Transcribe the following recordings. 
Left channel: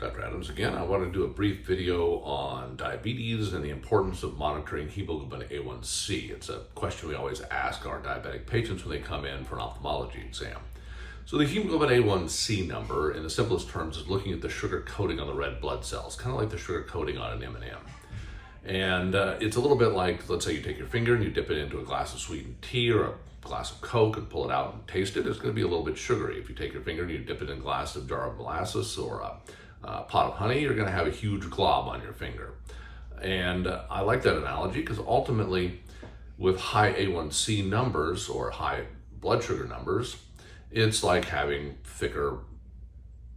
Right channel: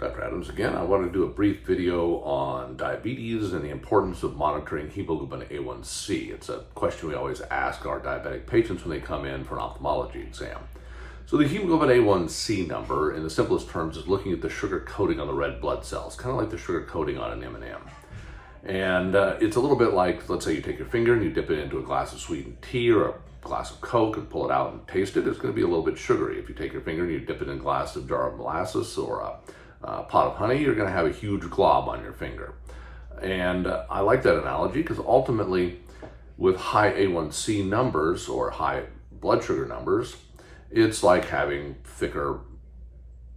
Dr. Adams again. I want to do a brief video on diabetes and the importance of monitoring hemoglobin A1C. It's a question we always ask our diabetic patients when they come in for an ophthalmology exam. So the hemoglobin A1C number, in the simplest terms, is looking at the sugar coating on the red blood cells, kind of like the sugar coating on an M&M. And it's a little bit like, let's say you take your finger and you dip it into a glass of sweetened tea or a glass of Coke and pull it out and taste it. It's going to be a little bit sugary. If you take your finger and you dip it in a glass of jar of molasses or a pot of honey, you're going to have a huge glob on your finger. And I like that analogy because ultimately with high A1C numbers or high blood sugar numbers, it's like having thicker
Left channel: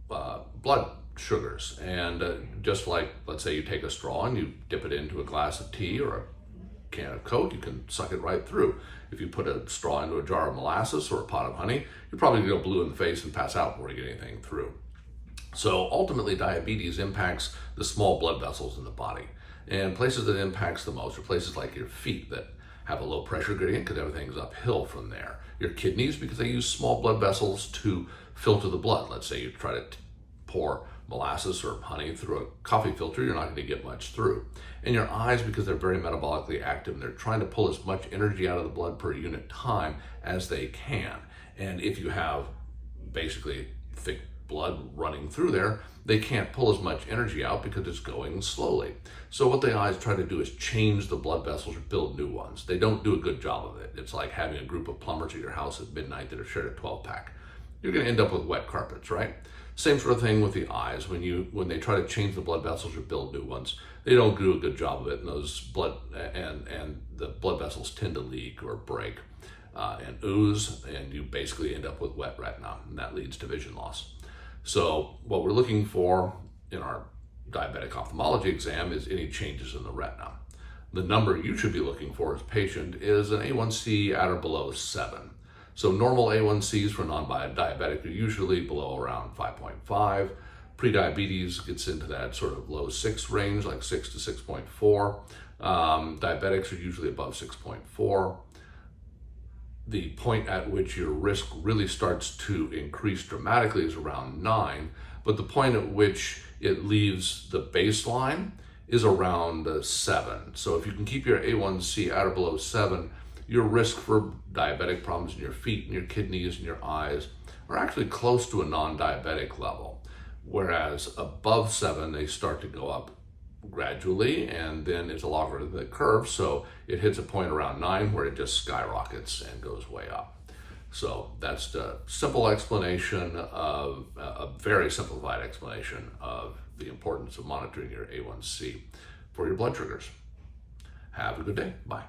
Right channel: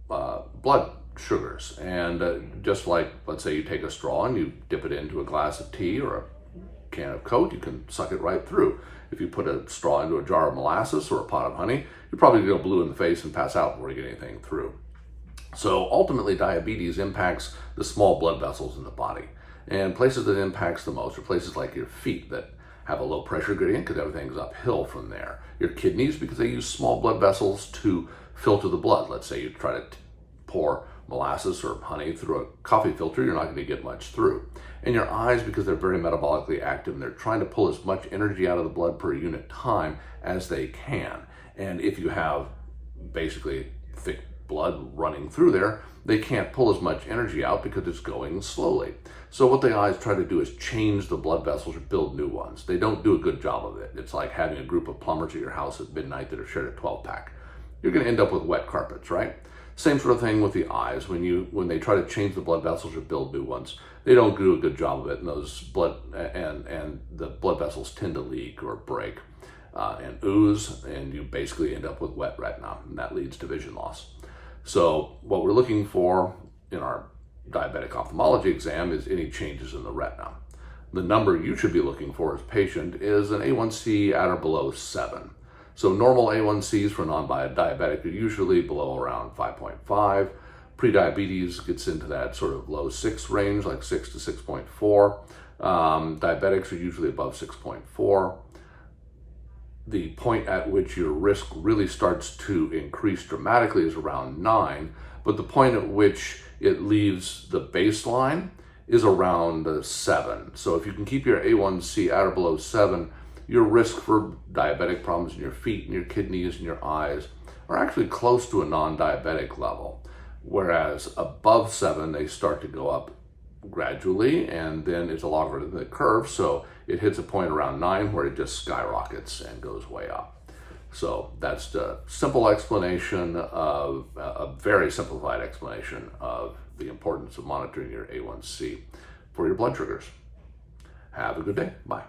blood sugars. And just like, let's say you take a straw and you dip it into a glass of tea or a can of Coke, you can suck it right through. If you put a straw into a jar of molasses or a pot of honey, you're probably going to go blue in the face and pass out before you get anything through. So ultimately, diabetes impacts the small blood vessels in the body. And places that it impacts the most are places like your feet that have a low pressure gradient because everything's uphill from there. Your kidneys, because they use small blood vessels to filter the blood. Let's say you try to pour molasses or honey through a coffee filter, you're not going to get much through. And your eyes, because they're very metabolically active and they're trying to pull as much energy out of the blood per unit time as they can. And if you have basically thick blood running through there, they can't pull as much energy out because it's going slowly. So what the eyes try to do is change the blood vessels or build new ones. They don't do a good job of it. It's like having a group of plumbers at your house at midnight that are shared a 12-pack. You're going to end up with wet carpets, right? Same sort of thing with the eyes. When they try to change the blood vessels or build new ones, they don't do a good job of it, and those blood and the blood vessels tend to leak or break and ooze, and you basically end up with wet retina, and that leads to vision loss. So what we're looking for in our diabetic ophthalmology exam is any changes in the retina. The number you should be looking for as a patient is an A1C at or below 7. So normal A1Cs for non-diabetic are usually below around 5.5. Pre-diabetes gets into that sort of low 6 range, like 6 to 6.4. Diabetics are usually above 6.4. The point at which your risk really starts to increase dramatically is around 9, but the point at which it leaves the baseline is around 7. So if you can keep your A1C at or below 7, your risk for diabetic problems in your feet and your kidneys and your eyes are actually close to a non-diabetic level. Whereas above 7, they start to go up gradually, and then it's a logarithmic curve, so it hits a point around 9 where it just skyrockets and goes way up. So that's the simple explanation of a very simplified explanation of the importance of monitoring your A1C for your blood sugars. Have a good day. Bye.